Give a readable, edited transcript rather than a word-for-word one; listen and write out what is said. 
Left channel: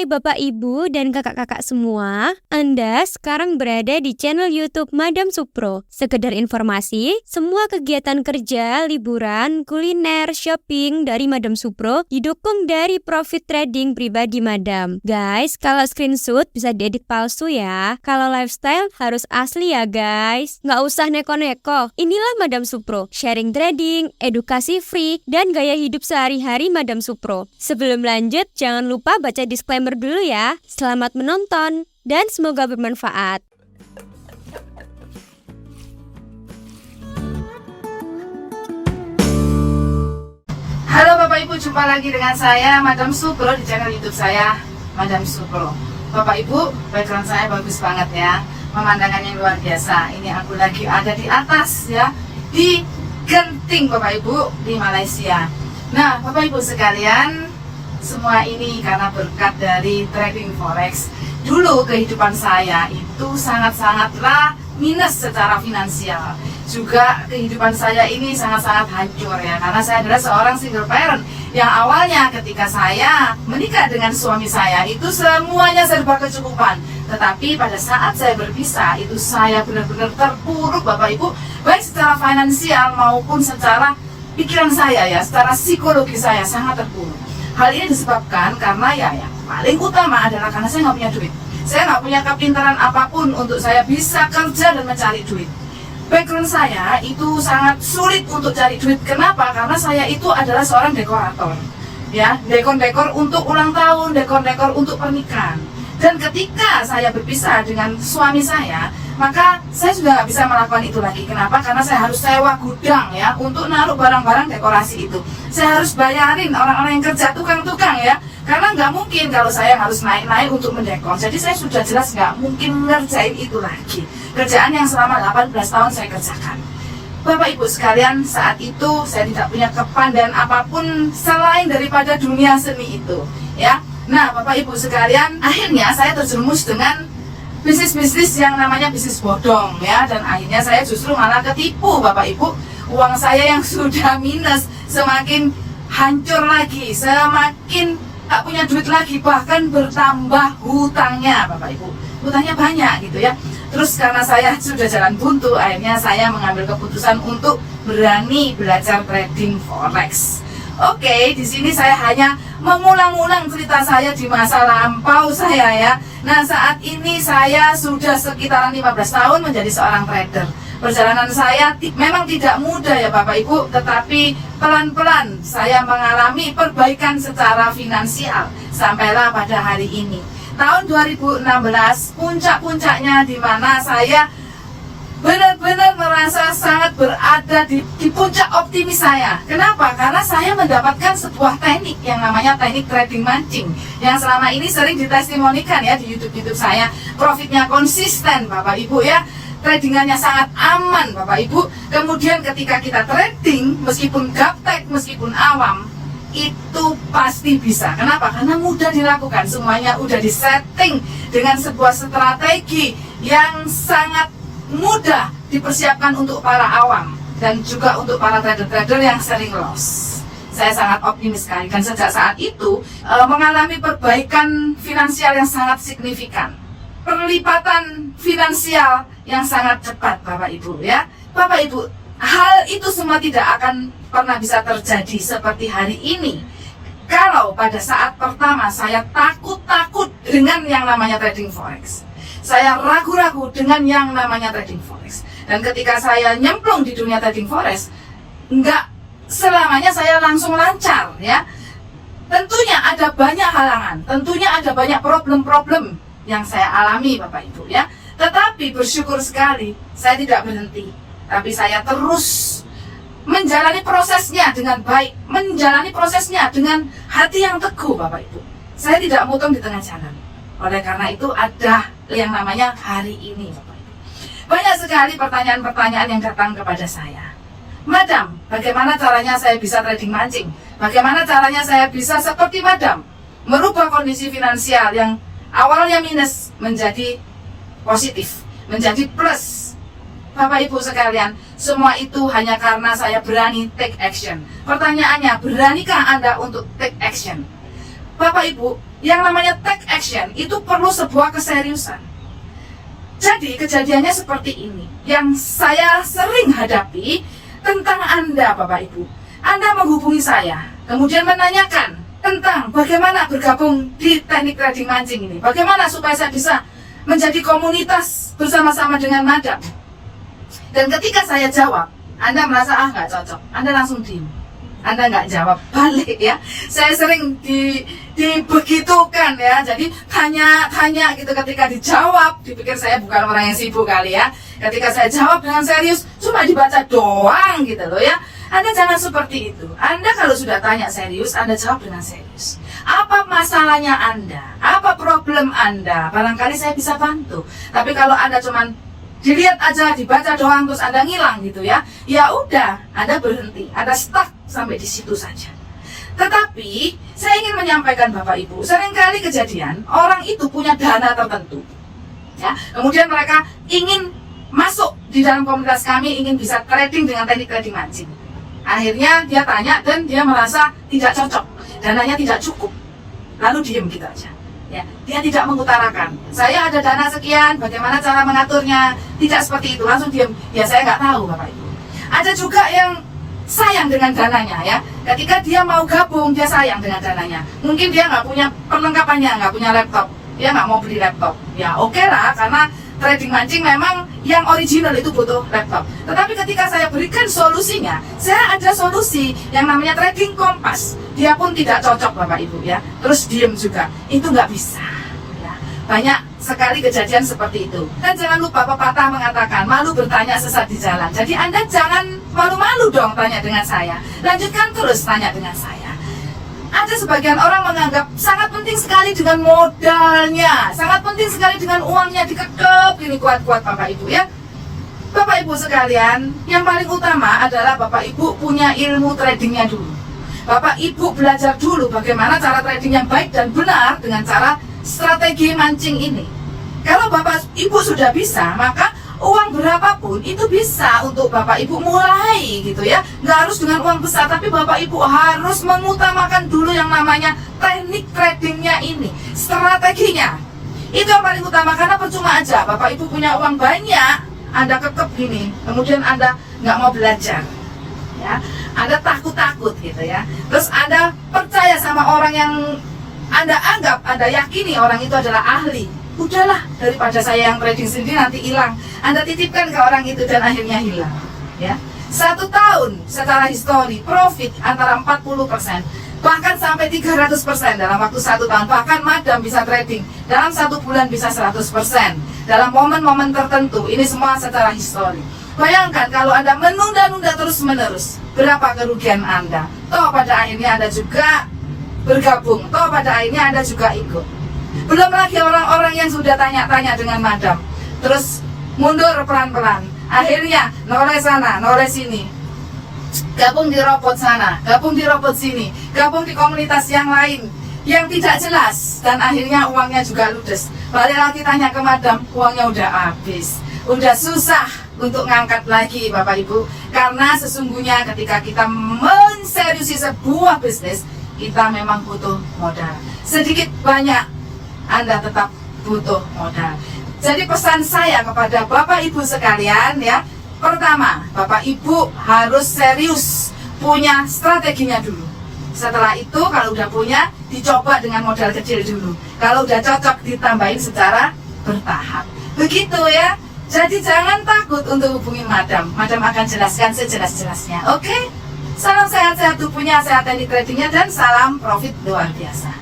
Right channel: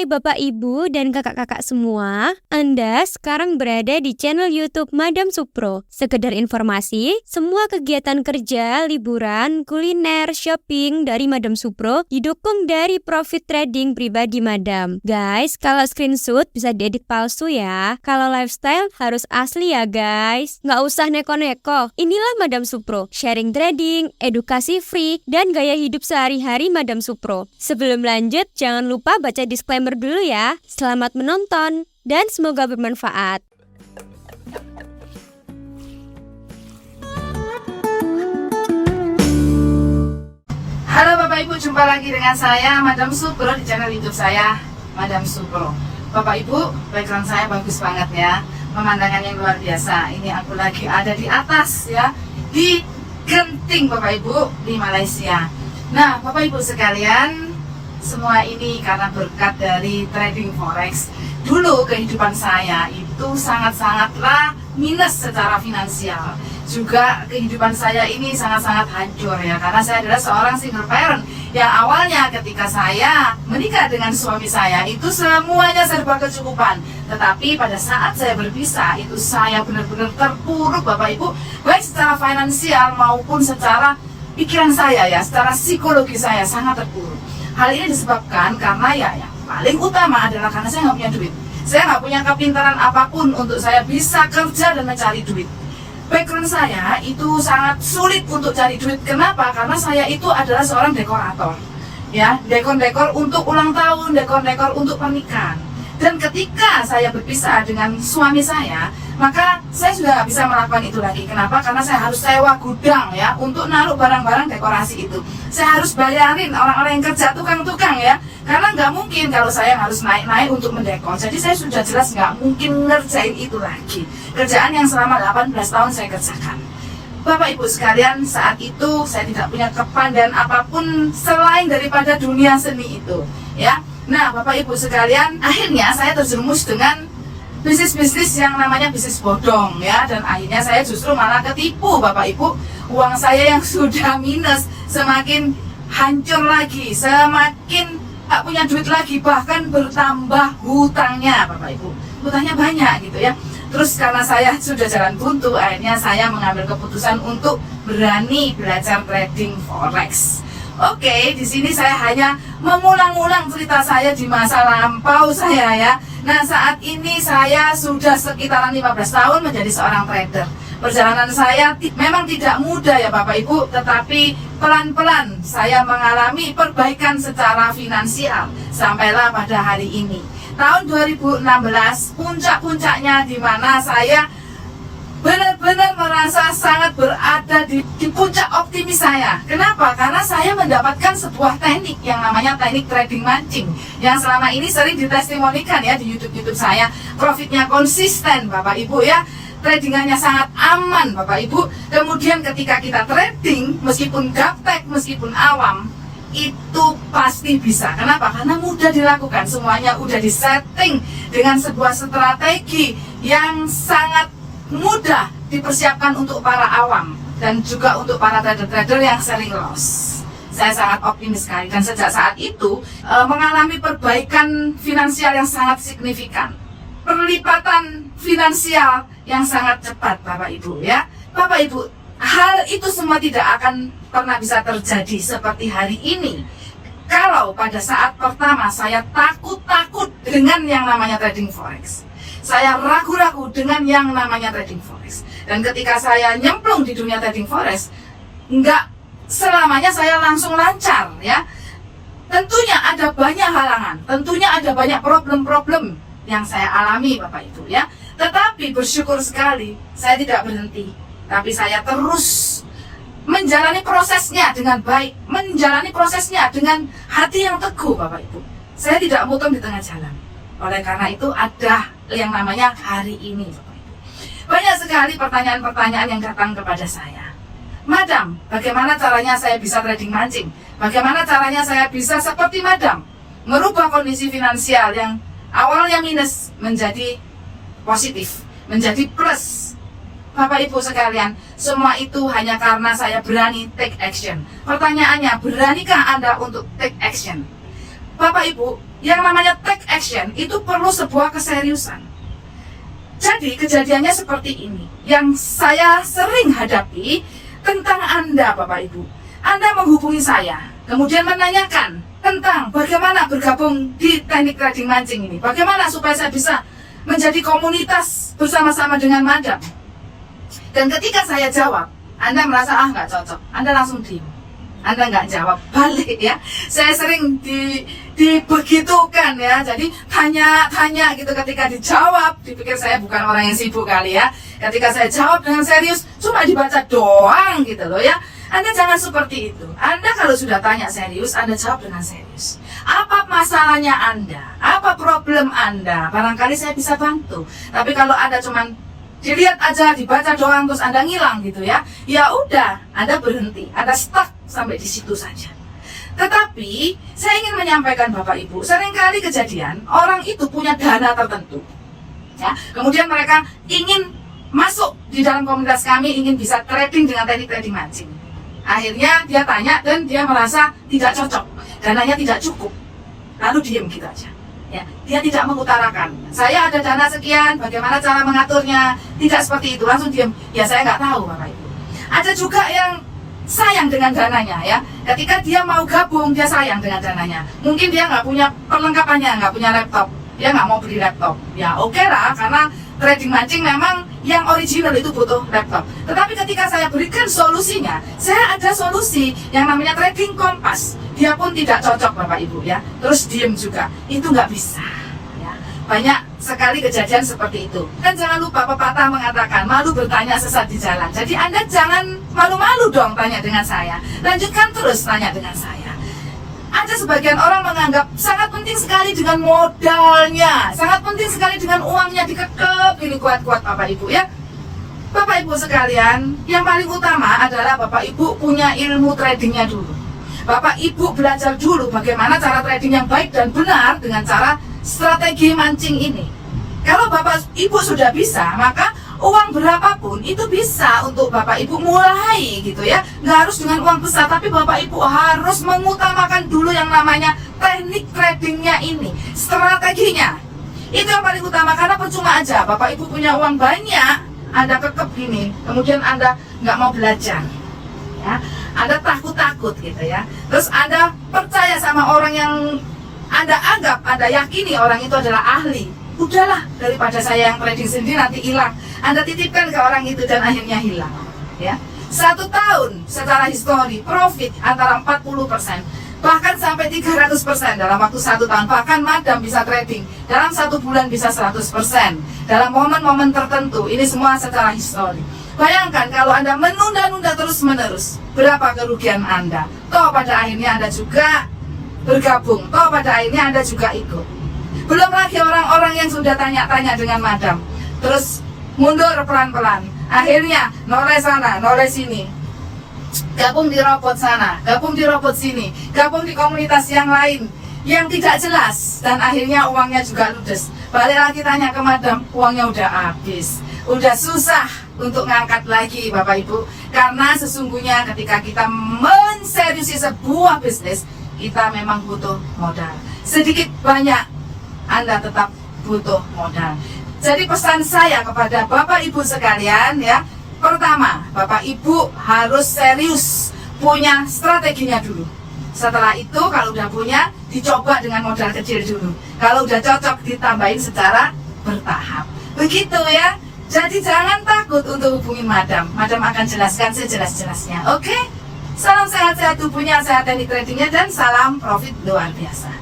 Hai Bapak Ibu dan kakak-kakak semua, Anda sekarang berada di channel YouTube Madam Supro. Sekedar informasi, semua kegiatan kerja, liburan, kuliner, shopping dari Madam Supro didukung dari profit trading pribadi Madam. Guys, kalau screenshot bisa diedit palsu ya. Kalau lifestyle harus asli ya guys. Nggak usah neko-neko. Inilah Madam Supro, sharing trading, edukasi free, dan gaya hidup sehari-hari Madam Supro. Sebelum lanjut, jangan lupa baca disclaimer dulu ya. Selamat menonton dan semoga bermanfaat. Halo Bapak Ibu, jumpa lagi dengan saya Madam Supro di channel YouTube saya Madam Supro. Bapak Ibu, background saya bagus banget ya. Pemandangan yang luar biasa. Ini aku lagi ada di atas ya, di Genting Bapak Ibu, di Malaysia. Nah Bapak Ibu sekalian, semua ini karena berkat dari trading forex. Dulu kehidupan saya itu sangat-sangatlah minus secara finansial. Juga kehidupan saya ini sangat-sangat hancur ya, karena saya adalah seorang single parent yang awalnya ketika saya menikah dengan suami saya itu semuanya serba kecukupan. Tetapi pada saat saya berpisah itu saya benar-benar terpuruk Bapak Ibu, baik secara finansial maupun secara pikiran saya ya, secara psikologi saya sangat terpuruk. Hal ini disebabkan karena ya yang paling utama adalah karena saya nggak punya duit. Saya nggak punya kepintaran apapun untuk saya bisa kerja dan mencari duit. Background saya itu sangat sulit untuk cari duit. Kenapa? Karena saya itu adalah seorang dekorator. Ya, dekor-dekor untuk ulang tahun, dekor-dekor untuk pernikahan. Dan ketika saya berpisah dengan suami saya, maka saya sudah nggak bisa melakukan itu lagi. Kenapa? Karena saya harus sewa gudang ya untuk naruh barang-barang dekorasi itu. Saya harus bayarin orang-orang yang kerja, tukang-tukang ya. Karena nggak mungkin kalau saya harus naik-naik untuk mendekor. Jadi saya sudah jelas nggak mungkin ngerjain itu lagi. Kerjaan yang selama 18 tahun saya kerjakan. Bapak Ibu sekalian, saat itu saya tidak punya kepandaian apapun selain daripada dunia seni itu ya. Nah Bapak Ibu sekalian, akhirnya saya terjerumus dengan bisnis-bisnis yang namanya bisnis bodong ya. Dan akhirnya saya justru malah ketipu Bapak Ibu. Uang saya yang sudah minus semakin hancur lagi, semakin tak punya duit lagi, bahkan bertambah hutangnya Bapak Ibu. Hutangnya banyak gitu ya. Terus karena saya sudah jalan buntu, akhirnya saya mengambil keputusan untuk berani belajar trading forex. Oke, di sini saya hanya mengulang-ulang cerita saya di masa lampau saya ya. Nah, saat ini saya sudah sekitaran 15 tahun menjadi seorang trader. Perjalanan saya memang tidak mudah ya Bapak Ibu, tetapi pelan-pelan saya mengalami perbaikan secara finansial sampailah pada hari ini. Tahun 2016 puncak-puncaknya di mana saya benar-benar merasa sangat berada di puncak optimis saya. Kenapa? Karena saya mendapatkan sebuah teknik yang namanya teknik trading mancing, yang selama ini sering ditestimonikan ya di YouTube saya. Profitnya konsisten Bapak Ibu ya, tradingannya sangat aman Bapak Ibu. Kemudian ketika kita trading, meskipun gaptek, meskipun awam, itu pasti bisa. Kenapa? Karena mudah dilakukan. Semuanya udah disetting dengan sebuah strategi yang sangat mudah dipersiapkan untuk para awam dan juga untuk para trader-trader yang sering loss. Saya sangat optimis sekali dan sejak saat itu mengalami perbaikan finansial yang sangat signifikan, perlipatan finansial yang sangat cepat Bapak Ibu ya. Bapak Ibu, hal itu semua tidak akan pernah bisa terjadi seperti hari ini kalau pada saat pertama saya takut dengan yang namanya trading forex. Saya ragu-ragu dengan yang namanya trading forex. Dan ketika saya nyemplung di dunia trading forex, nggak selamanya saya langsung lancar ya. Tentunya ada banyak halangan, tentunya ada banyak problem-problem yang saya alami Bapak Ibu ya. Tetapi bersyukur sekali saya tidak berhenti, tapi saya terus menjalani prosesnya dengan baik, menjalani prosesnya dengan hati yang teguh Bapak Ibu. Saya tidak motong di tengah jalan. Oleh karena itu ada yang namanya hari ini Bapak Ibu. Banyak sekali pertanyaan-pertanyaan yang datang kepada saya. Madam, bagaimana caranya saya bisa trading mancing? Bagaimana caranya saya bisa seperti Madam, merubah kondisi finansial yang awalnya minus menjadi positif, menjadi plus? Bapak Ibu sekalian, semua itu hanya karena saya berani take action. Pertanyaannya, beranikah Anda untuk take action? Bapak Ibu, yang namanya take action itu perlu sebuah keseriusan. Jadi kejadiannya seperti ini yang saya sering hadapi tentang Anda Bapak Ibu. Anda menghubungi saya, kemudian menanyakan tentang bagaimana bergabung di teknik trading mancing ini. Bagaimana supaya saya bisa menjadi komunitas bersama-sama dengan Madam. Dan ketika saya jawab, Anda merasa nggak cocok, Anda langsung diem. Anda nggak jawab balik ya. Saya sering dibegitukan ya. Jadi tanya gitu, ketika dijawab dipikir saya bukan orang yang sibuk kali ya. Ketika saya jawab dengan serius, cuma dibaca doang gitu loh ya. Anda jangan seperti itu. Anda kalau sudah tanya serius, Anda jawab dengan serius. Apa masalahnya Anda? Apa problem Anda? Barangkali saya bisa bantu. Tapi kalau Anda cuman dilihat aja, dibaca doang terus Anda ngilang gitu ya. Ya udah, Anda berhenti, Anda stuck sampai di situ saja. Tetapi saya ingin menyampaikan Bapak Ibu, seringkali kejadian orang itu punya dana tertentu. Ya, kemudian mereka ingin masuk di dalam komunitas kami, ingin bisa trading dengan teknik trading mancing. Akhirnya dia tanya dan dia merasa tidak cocok, dananya tidak cukup. Lalu diem gitu aja. Ya, dia tidak mengutarakan, saya ada dana sekian, bagaimana cara mengaturnya. Tidak seperti itu, langsung diem. Ya saya nggak tahu Bapak Ibu. Ada juga yang sayang dengan dananya ya. Ketika dia mau gabung, dia sayang dengan dananya. Mungkin dia nggak punya perlengkapannya, nggak punya laptop, dia nggak mau beli laptop. Ya oke lah, karena trading mancing memang yang original itu butuh laptop. Tetapi ketika saya berikan solusinya, saya ada solusi yang namanya trading kompas. Dia pun tidak cocok Bapak Ibu ya. Terus diem juga, itu nggak bisa ya. Banyak sekali kejadian seperti itu. Dan jangan lupa pepatah mengatakan malu bertanya sesat di jalan. Jadi Anda jangan malu-malu dong tanya dengan saya. Lanjutkan terus tanya dengan saya. Ada sebagian orang menganggap sangat penting sekali dengan modalnya, sangat penting sekali dengan uangnya dikekep ini kuat-kuat Bapak Ibu ya. Bapak Ibu sekalian, yang paling utama adalah Bapak Ibu punya ilmu tradingnya dulu. Bapak Ibu belajar dulu bagaimana cara trading yang baik dan benar dengan cara strategi mancing ini. Kalau Bapak Ibu sudah bisa, maka uang berapapun itu bisa untuk Bapak Ibu mulai gitu ya. Nggak harus dengan uang besar, tapi Bapak Ibu harus mengutamakan dulu yang namanya teknik tradingnya ini, strateginya. Itu yang paling utama, karena percuma aja Bapak Ibu punya uang banyak, Anda kekep gini, kemudian Anda nggak mau belajar ya. Anda takut-takut gitu ya. Terus Anda percaya sama orang yang Anda anggap, Anda yakini orang itu adalah ahli. Udahlah, daripada saya yang trading sendiri nanti hilang. Anda titipkan ke orang itu dan akhirnya hilang ya. 1 tahun secara histori profit antara 40%, bahkan sampai 300% dalam waktu 1 tahun. Bahkan Madam bisa trading dalam 1 bulan bisa 100% dalam momen-momen tertentu. Ini semua secara histori. Bayangkan kalau Anda menunda-nunda terus-menerus, berapa kerugian Anda. Toh pada akhirnya Anda juga bergabung, toh pada akhirnya Anda juga ikut. Belum lagi orang-orang yang sudah tanya-tanya dengan Madam, terus mundur pelan-pelan, akhirnya noleh sana, noleh sini, gabung di robot sana, gabung di robot sini, gabung di komunitas yang lain yang tidak jelas, dan akhirnya uangnya juga ludes. Balik lagi tanya ke Madam, uangnya udah habis, udah susah untuk ngangkat lagi Bapak Ibu. Karena sesungguhnya ketika kita menseriusi sebuah bisnis, kita memang butuh modal. Sedikit banyak Anda tetap butuh modal. Jadi pesan saya kepada Bapak Ibu sekalian ya, pertama, Bapak Ibu harus serius punya strateginya dulu. Setelah itu kalau udah punya, dicoba dengan modal kecil dulu. Kalau udah cocok, ditambahin secara bertahap. Begitu ya. Jadi jangan takut untuk hubungin Madam. Madam akan jelaskan sejelas-jelasnya. Oke? Salam sehat-sehat tubuhnya, sehat teknik tradingnya, dan salam profit luar biasa.